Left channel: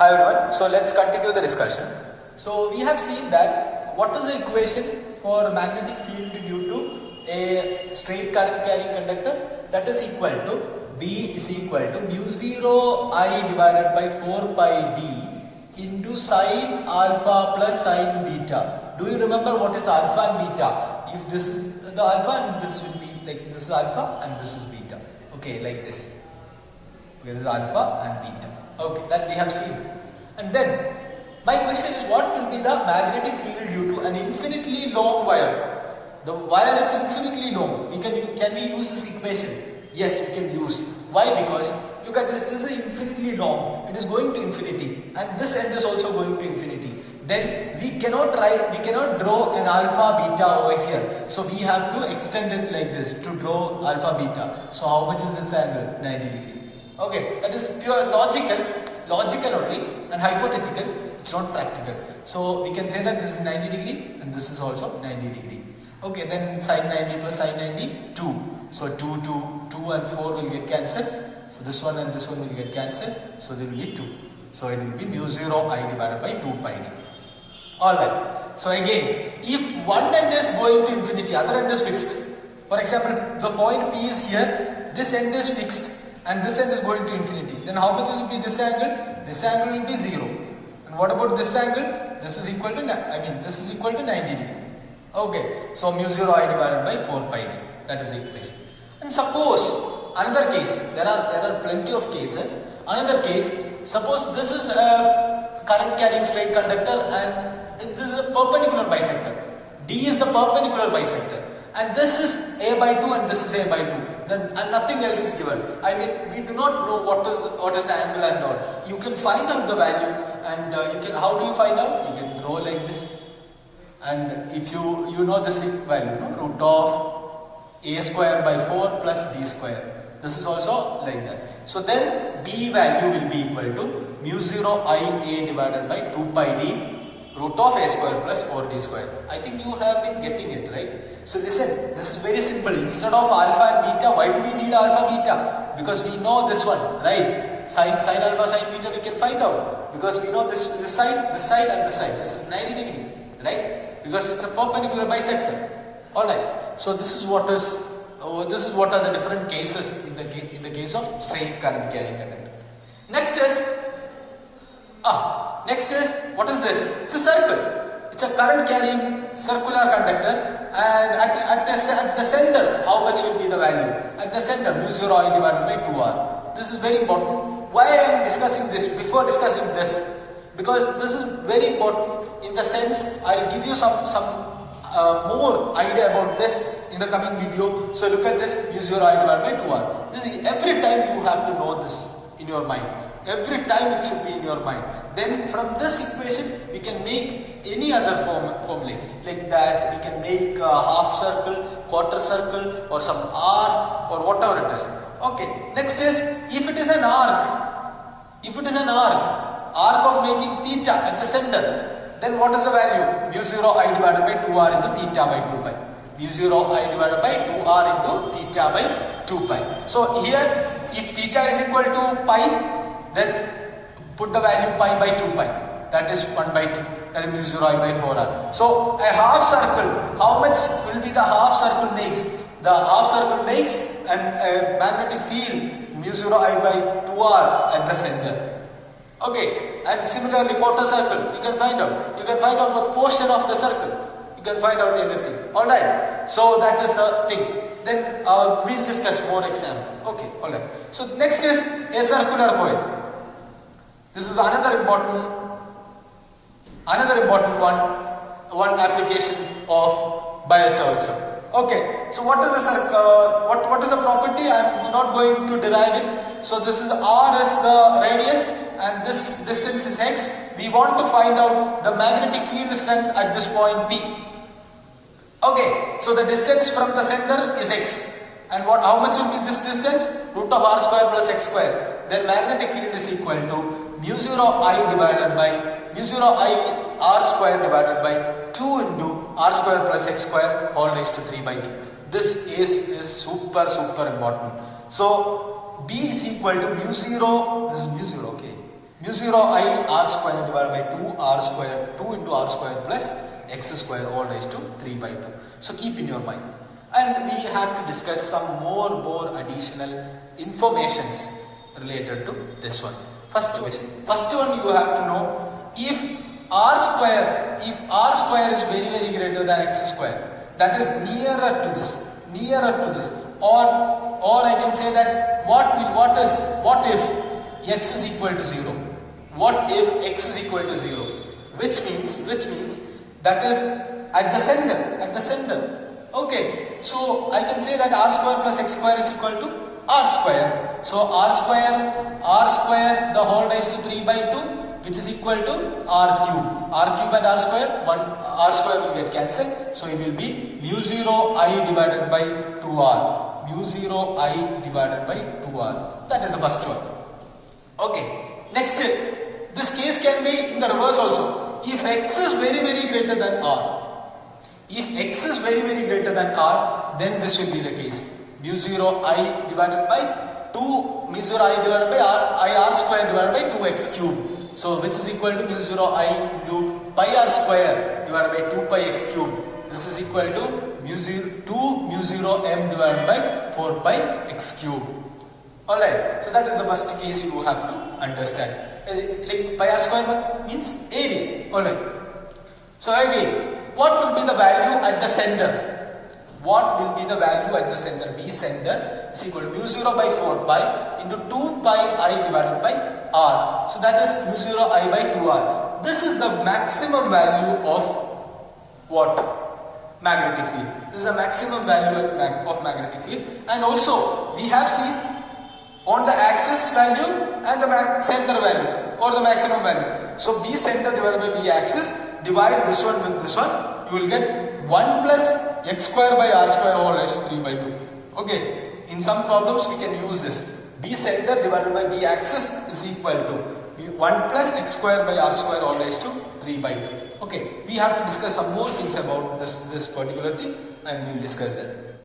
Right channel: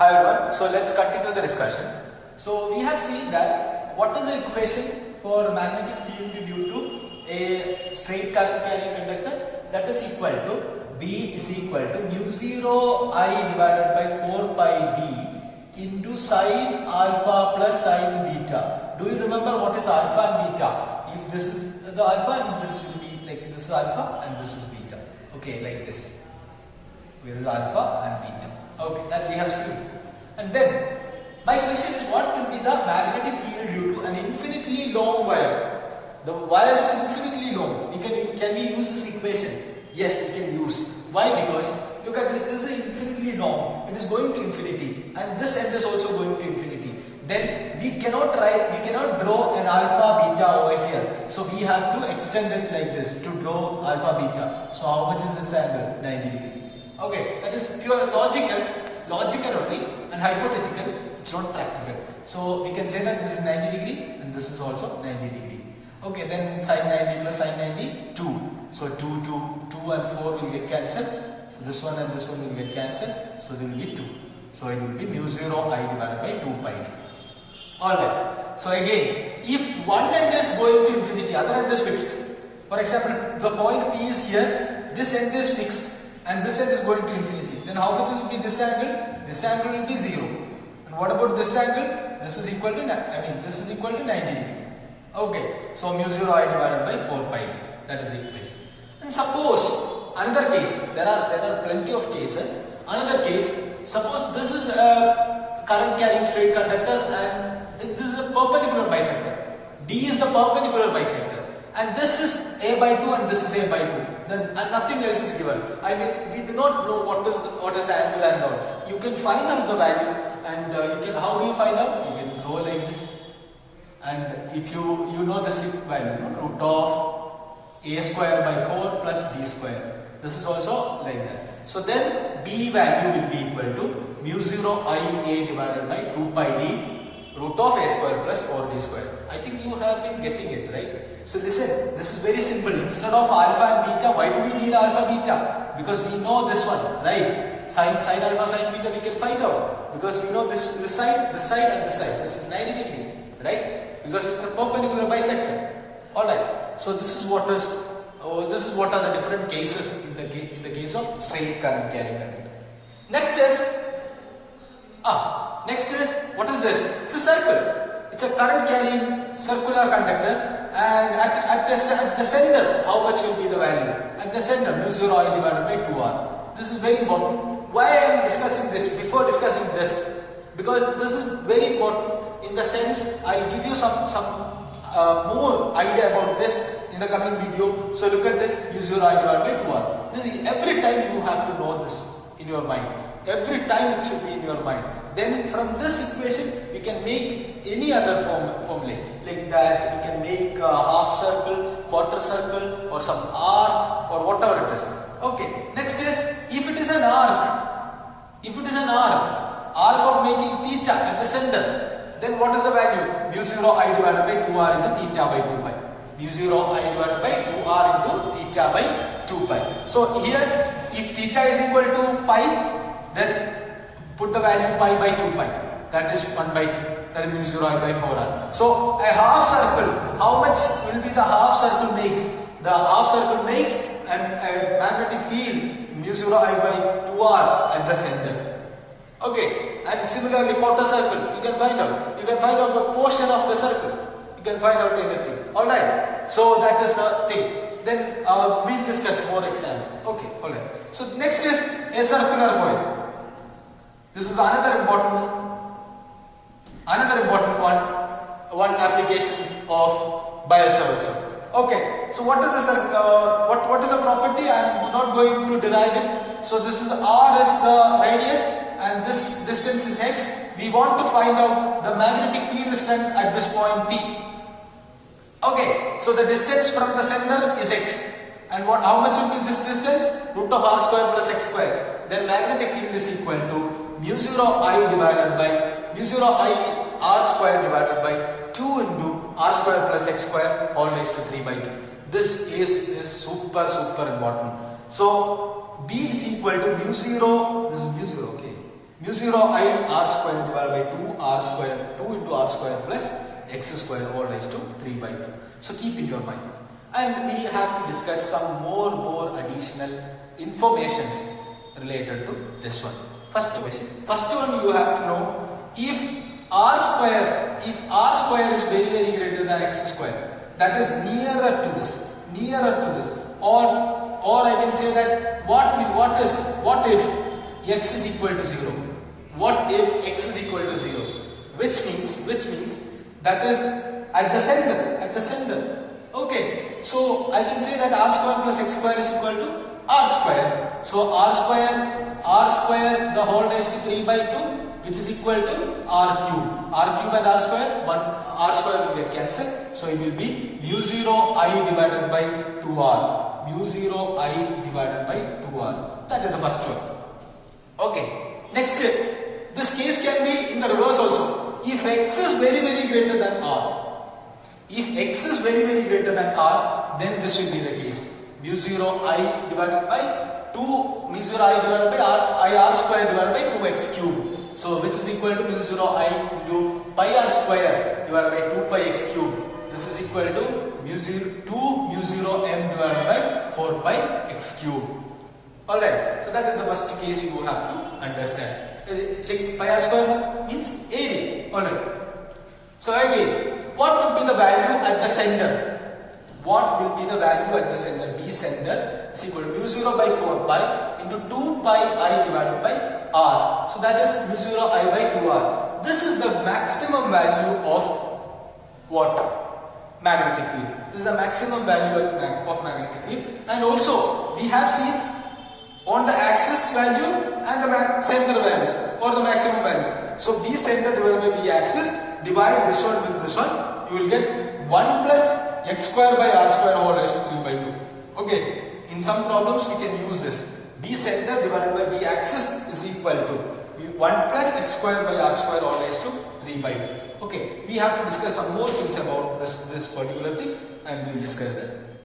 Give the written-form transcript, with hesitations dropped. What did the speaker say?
Hi everyone, so let's continue the discussion. So we have seen that what is the equation for magnetic field due to a straight current carrying conductor? That is equal to B is equal to mu 0 I divided by 4 pi d into sine alpha plus sine beta. Do you remember what is alpha and beta? If this is the alpha and this will be like this is alpha and this is beta. Okay, like this. Here is alpha and beta. Okay, that we have seen. And then, my question is, what will be the magnetic field due to an infinitely long wire? The wire is infinitely long. Can we use this equation? Yes, we can use. Why? Because look at this. This is infinitely long. It is going to infinity, and this end is also going to infinity. Then we cannot draw an alpha beta over here. So we have to extend it like this to draw alpha beta. So how much is this angle? 90 degree. Okay, that is pure logical only and hypothetical, it's not practical. So we can say that this is 90 degree and this is also 90 degree. Okay, then sine 90 plus sine 90, 2. So 2 and 4 will get cancelled. So this one and this one will get cancelled. So there will be 2. So it will be mu 0 I divided by 2 pi d. Alright, so again, if one end is going to infinity, other end is fixed. For example, the point P is here, this end is fixed. And this end is going to infinity. Then how much will be this angle? This angle will be 0. And what about this angle? This is equal to 90 degree. Okay. So mu 0 I divided by 4 pi d. That is the equation. And suppose another case. There are plenty of cases. Another case. Suppose this is a current carrying straight conductor and this is a perpendicular bisector. D is the perpendicular bisector. And this is A by 2 and this is A by 2. Then and nothing else is given. I mean, we do not know what is the angle and all. You can find out the value, and how do you find out? You can draw like this. And if you know this value, root of A square by 4 plus B square. This is also like that. So then B value will be equal to mu 0 I A divided by 2 pi d root of A square plus 4D square. I think you have been getting it, right? So listen, this is very simple. Instead of alpha and beta, why do we need alpha beta? Because we know this one, right? Sine alpha, sine beta we can find out. Because we know this side and this side. This is 90 degree, right? Because it's a perpendicular bisector. Alright. So this is what are the different cases in the case of straight current carrying conductor. Next is what is this? It's a circle. It's a current carrying circular conductor, and at the center, how much will be the value? At the center, mu 0 I divided by 2r. This is very important. Why I am discussing this? Before discussing this, because this is very important in the sense I will give you some more idea about this in the coming video. So look at this, mu 0 I divided by 2r. This is every time you have to know this in your mind. Every time it should be in your mind. Then from this equation we can make any other formula like that. We can make a half circle, quarter circle, or some arc, or whatever it is. Okay. Next is if it is an arc of making theta at the center, then what is the value? Mu 0 I divided by 2r into theta by 2 pi. Mu 0 I divided by 2r into theta by 2 pi. So here, if theta is equal to pi, then put the value pi by 2 pi. That is 1 by 2. That is mu 0 I by 4r. So a half circle, how much will be the half circle makes? The half circle makes a magnetic field mu 0 I by 2r at the center. Okay, and similarly quarter circle, you can find out. You can find out the portion of the circle. You can find out everything. Alright, so that is the thing. Then we'll discuss more example. Okay, alright. So next is a circular coil. This is another important one application of biochemistry. Okay, so what is the property? I am not going to derive it. So this is R is the radius and this distance is x. We want to find out the magnetic field strength at this point P. Okay, so the distance from the center is x. And how much will be this distance? Root of r square plus x square. Then magnetic field is equal to mu 0 I divided by mu 0 I r square divided by 2 into r square plus x square all raised to 3 by 2. This is super important. So B is equal to mu 0. This is mu 0. Okay. mu 0 I r square divided by 2 r square 2 into r square plus x square all raised to 3 by 2. So keep in your mind. And we have to discuss some more additional informations related to this one. First one you have to know, if r square is very greater than x square, that is nearer to this, or I can say that what if x is equal to 0? What if x is equal to 0? Which means that is at the center. Okay, so I can say that r square plus x square is equal to r square. So r square the whole raised to 3 by 2, which is equal to r cube. R cube and r square will get cancelled. So it will be mu 0 I divided by 2r. Mu 0 I divided by 2r. That is the first one. Okay. Next, this case can be in the reverse also. If x is very greater than r, then this will be the case. Mu 0 I divided by 2, mu 0 I divided by r square divided by 2x cube. So which is equal to mu 0 I into pi r square divided by 2 pi x cube. This is equal to mu 0 m divided by 4 pi x cube. Alright, so that is the first case you have to understand. Like pi r square means area. Alright. So again, what would be the value at the center? B center is equal to mu 0 by 4 pi into 2 pi I divided by r. So that is mu 0 I by 2r. This is the maximum value of what? Magnetic field. This is the maximum value of magnetic field. And also we have seen on the axis value and the center value or the maximum value. So B center divided by B axis, divide this one with this one, you will get 1 plus x square by r square all raised to 3 by 2. Okay, in some problems we can use this. B center divided by B axis is equal to 1 plus x square by r square all raised to 3 by 2. Okay, we have to discuss some more things about this particular thing, and we will discuss that.